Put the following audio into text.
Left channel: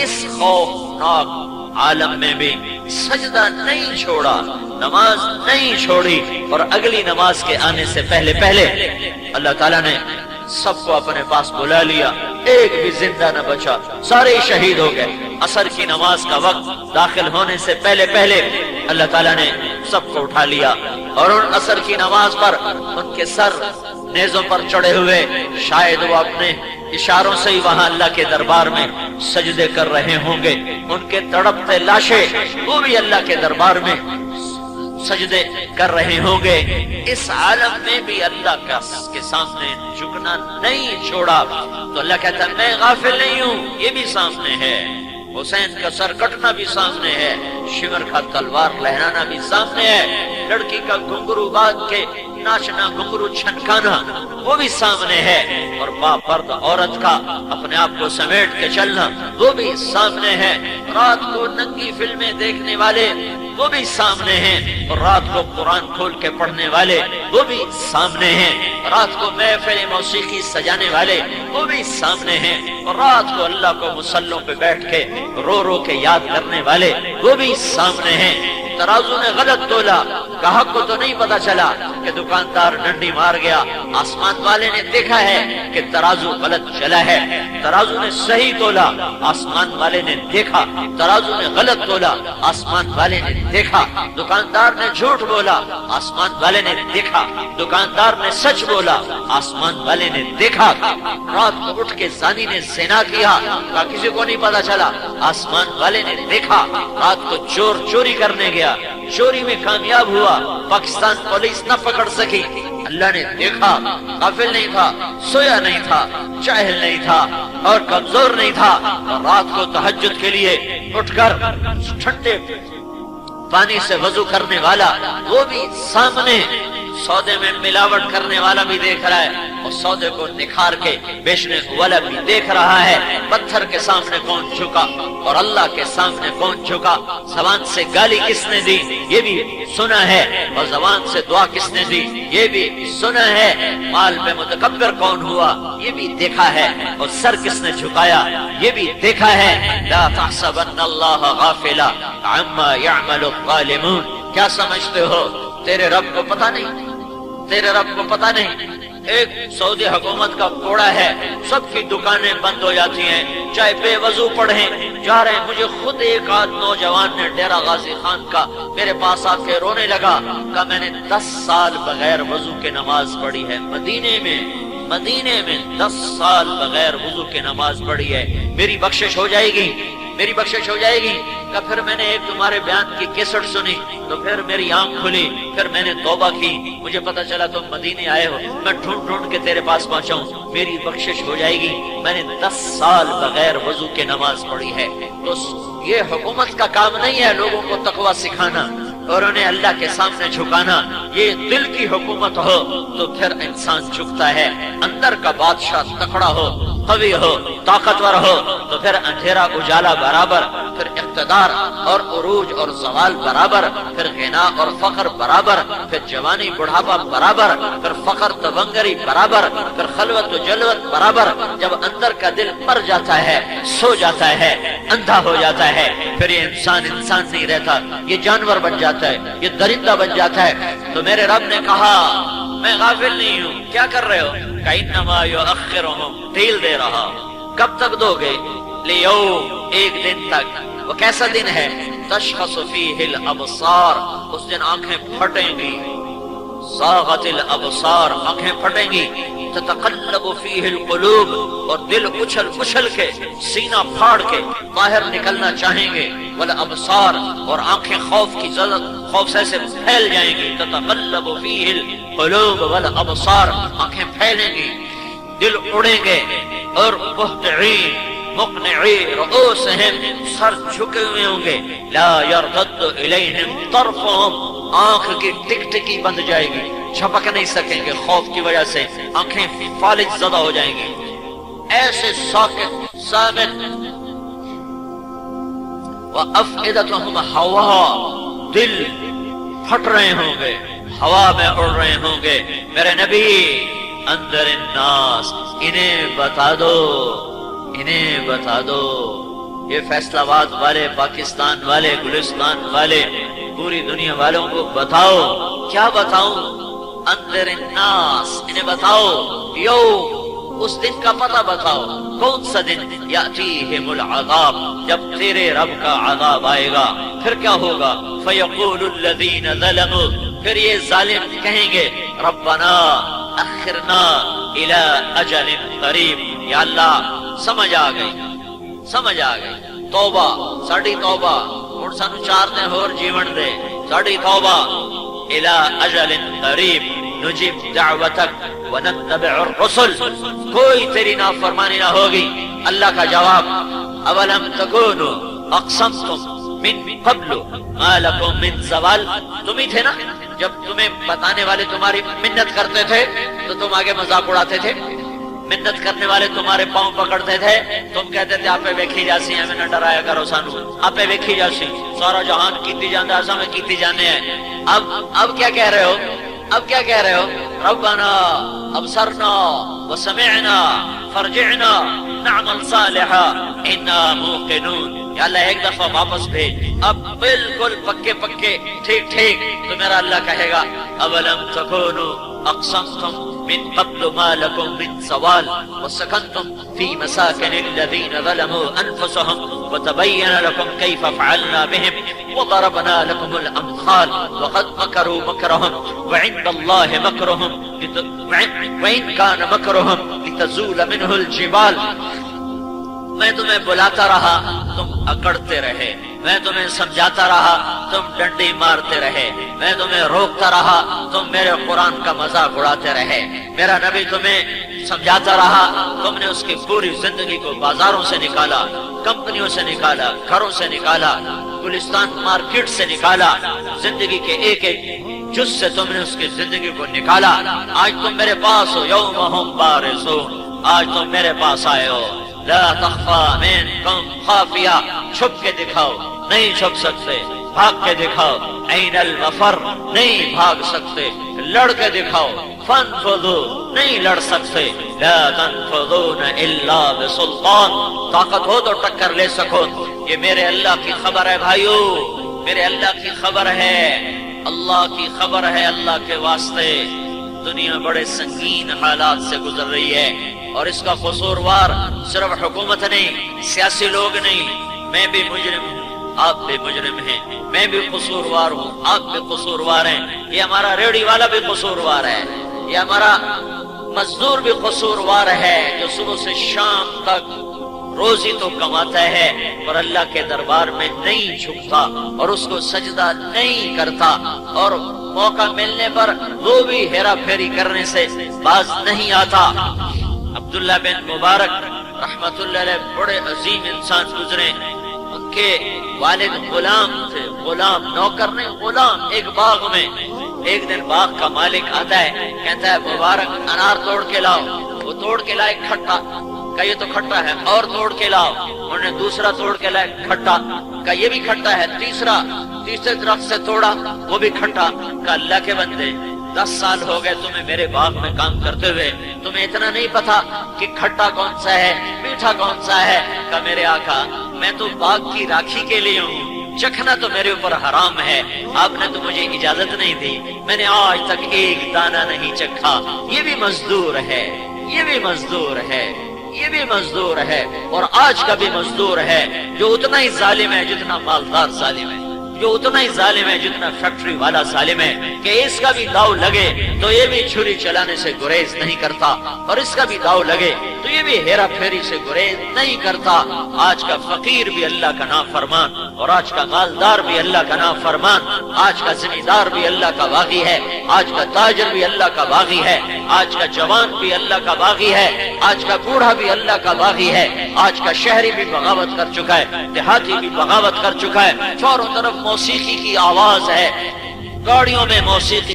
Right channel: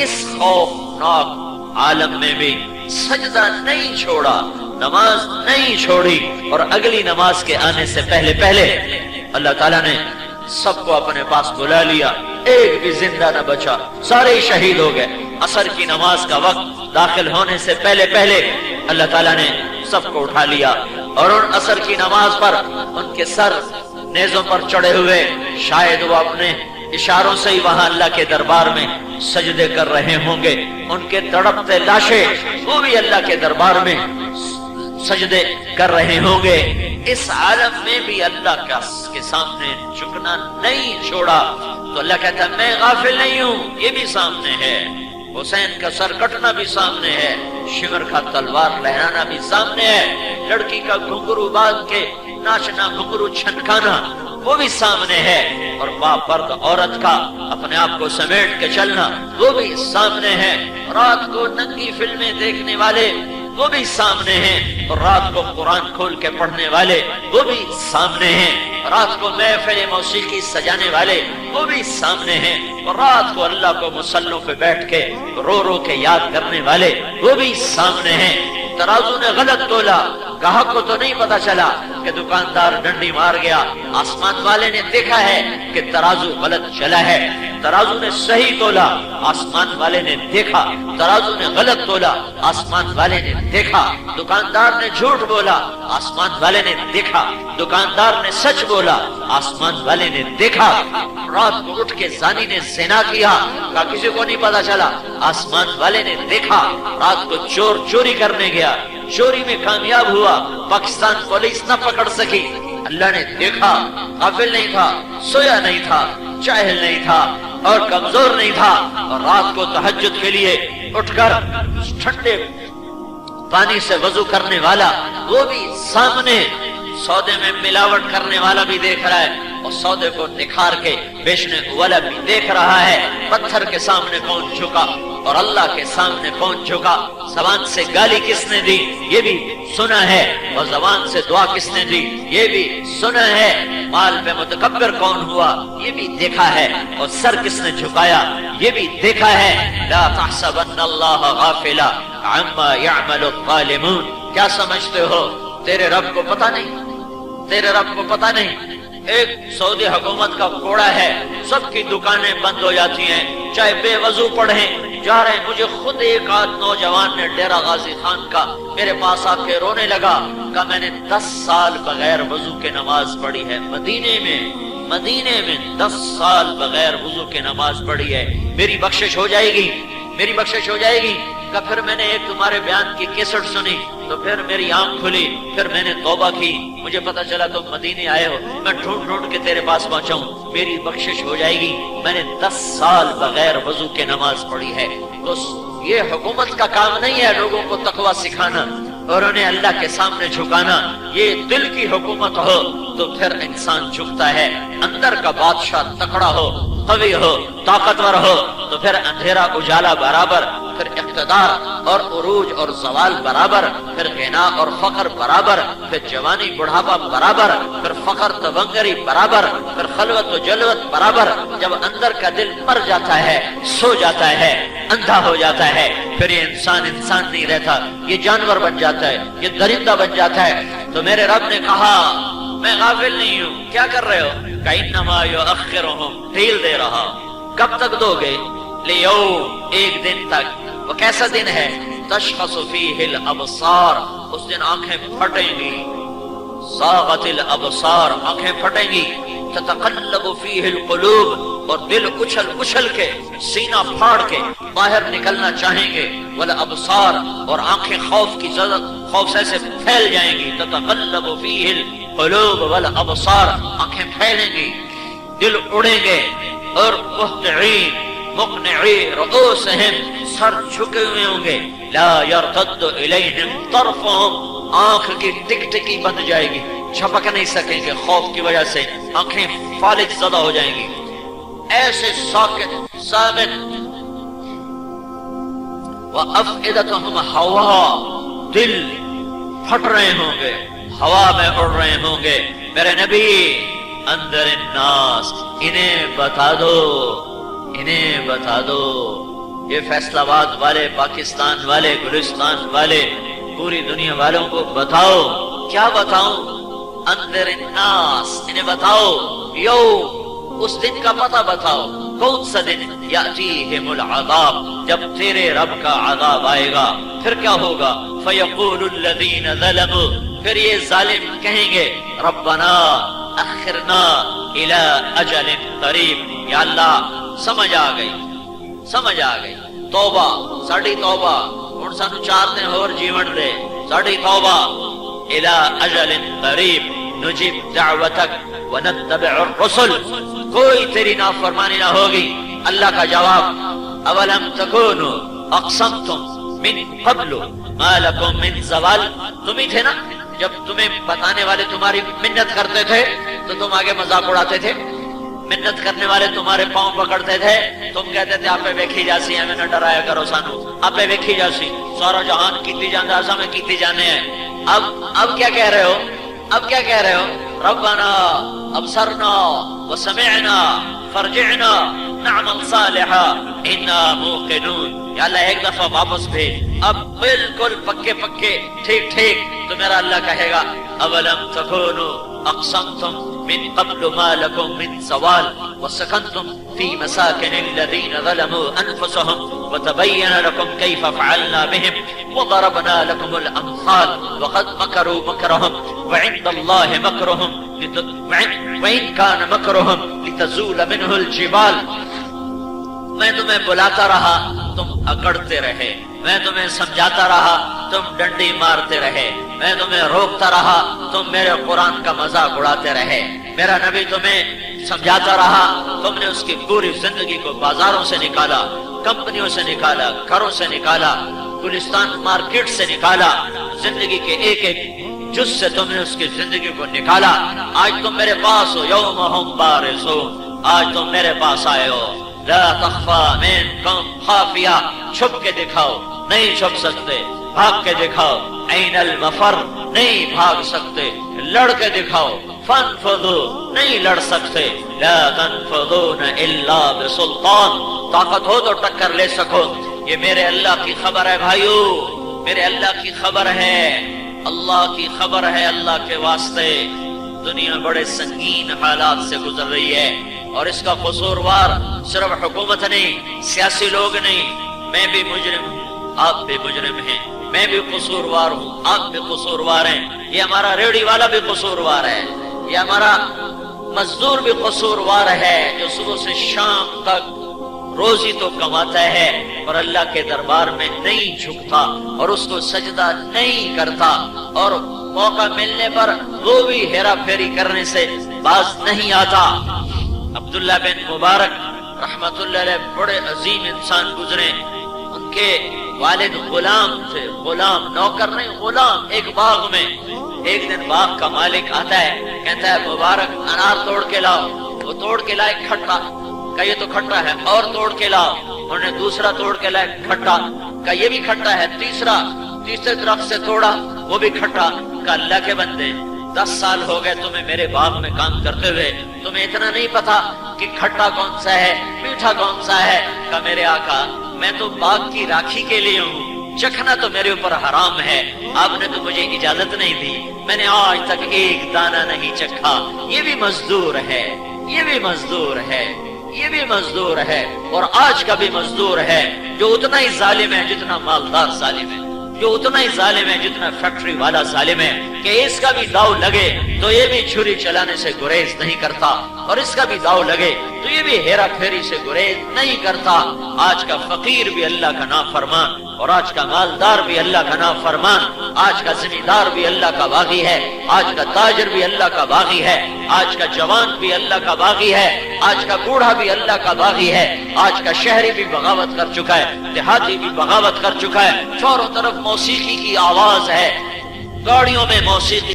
اس خوفناک عالم میں بھی سجدہ نہیں چھوڑا، نماز نہیں چھوڑی، اور اگلی نماز کے آنے سے پہلے پہلے اللہ تعالیٰ نے سب کو اپنے پاس بلا لیا، ایک بھی زندہ نہ بچا، سارے شہید ہو گئے۔ عصر کی نماز کا وقت داخل ہونے سے پہلے پہلے اللہ تعالیٰ نے سب کو اٹھا لیا، اور ان عصر کی نماز پر ان کے سر نیزوں پر چڑھے ہوئے، شاید وہ اپنے اشاروں سے ہی وہاں اللہ کے دربار میں سجدے کر رہے ہوں گے، ان کے تڑپتے لاشیں وہ بھی اللہ کے دربار میں سجدے کر رہے ہوں گے۔ اس عالم میں بھی اللہ کے سامنے جھکنا نہیں چھوڑا، تو اللہ کہتا ہے میں غافل نہیں ہوں، یہ بھی سامنے ہے، حسین کا سر کٹنا بھی سامنے ہے، شمر کا تلوار لہرانا بھی سامنے ہے، لڑکی کا گھنگرو باندھ کے ناچنا، گھنگرو چھنکانا وہ بھی سامنے ہے، اور باپرد عورت کا اپنے آپ کو سمیٹ کے چلنا وہ بھی سامنے ہے، رات کو ننگی فلمیں دیکھنے والے وہ بھی سامنے ہیں، اور رات کو قرآن کھول کے پڑھنے والے وہ بھی سامنے ہیں، رات کو محفل موسیقی سجانے والے وہ بھی سامنے ہیں، اور رات کو اللہ کو مصلوں پہ بیٹھ کے رو رو کے یاد کرنے والے وہ بھی سامنے ہیں۔ ترازو نے غلط تولا، گاہک کو تو نہیں پتا چلا کہ دکاندار ڈنڈی مار گیا، آسمان والے نے دیکھا ہے کہ ترازو غلط چلا ہے، ترازو نے صحیح تولا، آسمان والے نے دیکھا، ترازو نے غلط تولا، آسمان والے نے دیکھا، دکاندار نے جھوٹ بولا، آسمان والے نے دیکھا، دکاندار نے سچ بولا، آسمان والے نے دیکھا، رات کو اٹھ کے زانی نے زنا کیا، کسی کو نہیں پتا چلا، آسمان والے نے دیکھا، رات کو چور چوری کرنے گیا، چوری میں کامیاب ہوا، پاکستان پولیس نہ پکڑ سکی، اللہ نے دیکھا، غافل نہیں تھا، سویا نہیں تھا، جاہل نہیں تھا، اور کمزور نہیں تھا، اور رات کو تہجد کے لیے اٹھ کر ٹھنڈے پانی سے وضو کرنے والا وہ بھی سامنے، سودے میں ملاوٹ کرنے والا بھی دیکھ رہا ہے، اور سودے کو نکھار کے بیچنے والا بھی دیکھ رہا ہے، پتھر کے سامنے کون جھکا اور اللہ کے سامنے کون جھکا، زبان سے گالی کس نے دی یہ بھی سنا ہے، اور زبان سے دعا کس نے دی یہ بھی سنا ہے، مال میں متکبر کون ہوا یہ بھی دیکھا ہے، اور سر کس نے جھکایا یہ بھی دیکھا ہے۔ لا تحسبن اللہ غافلا عما يعمل الظالمون، کیا سمجھتے ہو تیرے رب کو پتہ نہیں، تیرے رب کو پتہ نہیں؟ ایک سعودی حکومت کا کوڑا ہے، سب کی دکانیں بند ہو جاتی ہیں، چاہے بے وضو پڑھیں جا رہے ہیں۔ مجھے خود ایک آدھ نوجوان نے ڈیرہ غازی خان کا میرے پاس آ کے رونے لگا، کہ میں نے 10 سال بغیر وضو کے نماز پڑھی ہے، مدینے میں 10 سال بغیر وضو کے نماز پڑھی ہے، میری بخشش ہو جائے گی، میری بخشش ہو جائے گی۔ کہ پھر میں نے ایک تمہارے بیان کی کیسٹ سنی تو پھر میری آنکھ کھلی، پھر میں نے توبہ کی، مجھے پتا چلا تم مدینے آئے ہو، میں ڈھونڈ ڈھونڈ کے تیرے پاس پہنچا ہوں، میری بخشش ہو جائے گی، میں نے 10 سال بغیر وضو کے نماز پڑھی ہے۔ تو یہ حکومت کا کام نہیں ہے لوگوں کو تقویٰ سکھانا اور انہیں اللہ کے سامنے جھکانا، یہ دل کی حکومت ہو تو پھر انسان جھکتا ہے، اندر کا بادشاہ تکڑا ہو، قوی ہو، طاقتور ہو تو پھر اندھیرا اجالا برابر، پھر اقتدار اور عروج اور زوال برابر، پھر غنا اور فقر برابر، پھر جوانی بڑھاپا برابر، پھر فقر تبنگری برابر، پھر خلوت و جلوت برابر۔ جب اندر کا دل مر جاتا ہے، سو جاتا ہے، اندھا ہو جاتا ہے، پھر یہ انسان نہیں رہتا، یہ جانور بن جاتا ہے، یہ درندہ بن جاتا ہے۔ تو میرے رب نے کہا میں غافل نہیں ہوں، کیا کر رہے ہو؟ کَإِنَّمَا يُؤَخِّرُهُمْ ڈھیل دے رہا، کب تک دو گے؟ لیوم، ایک دن تک۔ وہ کیسا دن ہے؟ تشخص فیہ الابصار، اس دن آنکھیں پھٹیں گی، زاغت الابصار، آنکھیں پھٹیں گی، تتقلب فیہ القلوب، اور دل اچھل کے سینہ پھاڑ کے باہر نکلنا چاہیں گے، والابصار، اور آنکھیں خوف سے پھیل جائیں گی، تتقلب فیہ القلوب والابصار، آنکھیں پھیلیں گی، دل اڑیں گے، اور مقنعی رؤوسہم، سر جھکے ہوئے ہوں گے، لا یرتد الیہم طرفہم، آنکھ کی ٹکٹکی بند جائے گی، چھپک نہیں سکیں گے خوف کی وجہ سے، آنکھیں فالج زدہ ہو جائیں گی، ایسے ساکت ثابت۔ وَأَفْئِدَتُهُمْ هَوَاء، دل پھٹ رہے ہوں گے، ہوا میں اڑ رہے ہوں گے۔ میرے نبی اندر الناس، انہیں بتا دو، انہیں بتا دو، یہ فیصلہ آباد والے، پاکستان والے، گلستان والے، پوری دنیا والوں کو بتاؤ. کیا بتاؤں؟ انذر الناس، انہیں بتاؤ یوم، اس دن کا پتہ بتاؤ. کون سا دن؟ یاتیہم العذاب، جب تیرے رب کا عذاب آئے گا. پھر کیا ہوگا؟ فیقول الذین ظلموا، پھر یہ ظالم کہیں گے ربنا اخرنا الی اجل قریب. یا اللہ سمجھ آ گئی، سمجھ آ گئی. توبہ، ساڈی توبہ، ہن سانو 4 دن اور جیون دے. ساڈی توبہ. الی اجل قریب نجیب دعوتک ونتبع الرسل، کوئی تیری نافرمانی نہ ہوگی. اللہ کا جواب، اولم تکونوا اقسمتم من قبل ما لکم من زوال. تم ہی تھے نا جب تمہیں بتانے والے تمہاری منت کرتے تھے تو تم آگے مذاق اڑاتے تھے. منت کرنے والے تمہارے پاؤں پکڑتے تھے، تم کہتے تھے آپ ویکھی جاسی ہمیں نہ ڈرایا کرو سانو، آپ ویکھی جاسی سارا جہان کیتی جانا ایسا میں کیتی جانے ہیں. اب کیا کہہ رہے ہو؟ اب کیا کہہ رہے ہو؟ ربنا ابصرنا وسمعنا فرجعنا نعمل صالحا انا موقنون. یا اللہ ایک دفعہ واپس بھیج، اب بالکل پکے پکے ٹھیک ٹھیک. تو میرا اللہ کہے گا اولم تکونوا اقسمتم من قبل ما لكم من زوال وسكنتم في مساكن الذين ظلموا انفسهم وتبين لكم كيف فعلنا بهم وضربنا لكم الامثال وقد مكروا مكرهم وعند الله مكرهم وإن كان مكرهم لتزول منه الجبال. میں تمہیں بلاتا رہا تم اکڑتے رہے، میں تمہیں سمجھاتا رہا تم ڈنڈی مارتے رہے، میں تمہیں روکتا رہا تم میرے قرآن کا مذاق اڑاتے رہے. میرا نبی تمہیں سمجھاتا رہا، تم نے اس کی پوری زندگی کو بازاروں سے نکالا، کمپنیوں سے نکالا، گھروں سے نکالا، گلستان مارکیٹ سے نکالا، زندگی کے ایک ایک جز سے تم نے اس کی زندگی کو نکالا. آج تم میرے پاس ہو، یوم ہم بارزون، آج تم میرے پاس آئے ہو. لا تخفى منكم خافیہ، چھپ کے دکھاؤ، نہیں چھپ سکتے. بھاگ کے دکھاؤ، این المفر، نہیں بھاگ سکتے. لڑ کے دکھاؤ، فانفذوا، نہیں لڑ سکتے. لا تنفذون الا بسلطان، طاقت ہو تو ٹکر لے سکو. یہ میرے اللہ کی خبر ہے بھائیو، میرے اللہ کی خبر ہے، اللہ کی خبر ہے. اللہ کے واسطے دنیا بڑے سنگین حالات سے گزر رہی ہے، اور اس کا قصوروار صرف حکومت نہیں، سیاسی لوگ نہیں. میں بھی مجرم، آپ بھی مجرم ہیں، میں بھی قصوروار ہوں، آپ بھی قصوروار ہیں. یہ ہمارا ریڑھی والا بھی قصوروار ہے، یہ ہمارا مزدور بھی قصوروار ہے جو صبح سے شام تک روزی تو کماتا ہے اور اللہ کے دربار میں نہیں جھکتا اور اس کو سجدہ نہیں کرتا، اور موقع ملنے پر وہ بھی ہیرا پھیری کرنے سے باز نہیں آتا. عبداللہ بن مبارک رحمت اللہ علیہ بڑے عظیم انسان گزرے. ان کے والد غلام تھے، غلام، نوکر نہیں، غلام. ایک باغ میں ایک دن باغ کا مالک آتا ہے، کہتا ہے مبارک انار توڑ کے لاؤ. وہ توڑ کے لائے کھٹا، کہ یہ تو کھٹا ہے، اور توڑ کے لاؤ. انہوں نے دوسرا توڑ کے لائے کھٹا، کہ یہ بھی کھٹا ہے. تیسرے درخت سے توڑا، وہ بھی کھٹا. کہ اللہ کے بندے 10 سال ہو گئے تمہیں میرے باغ میں کام کرتے ہوئے، تمہیں اتنا نہیں پتا کہ کھٹا کون سا ہے میٹھا کون سا ہے. کہ میرے آقا میں تو باغ کی راکھی کے لیے ہوں، چکھنا تو میرے اوپر حرام ہے، آپ نے تو مجھے اجازت نہیں دی، میں نے آج تک ایک دانہ نہیں چکھا. یہ بھی مزدور ہے، یہ بھی مزدور ہے، یہ بھی مزدور ہے، اور آج کا بھی مزدور ہے جو اتنا ہی ظالم ہے جتنا مالدار ظالم ہے، جو اتنا ہی ظالم ہے جتنا فیکٹری والا ظالم ہے. کہ اس کا بھی داؤ لگے تو یہ بھی چھری چلانے سے گریز نہیں کرتا، اور اس کا بھی داؤ لگے تو یہ بھی ہیرا پھیری سے گریز نہیں کرتا. آج کا فقیر بھی اللہ کا نام فرمان، اور آج کا مالدار بھی اللہ کا نام فرمان، آج کا زمیندار بھی اللہ کا باغی ہے، آج کا تاجر بھی اللہ کا باغی ہے، آج کا جوان بھی اللہ کا باغی ہے، آج کا بوڑھا بھی اللہ کا باغی ہے. آج کا شہری بھی بغاوت کر چکا ہے، دیہاتی بھی بغاوت کر چکا ہے. چاروں طرف موسیقی کی آواز ہے، گاڑیوں میں موسیقی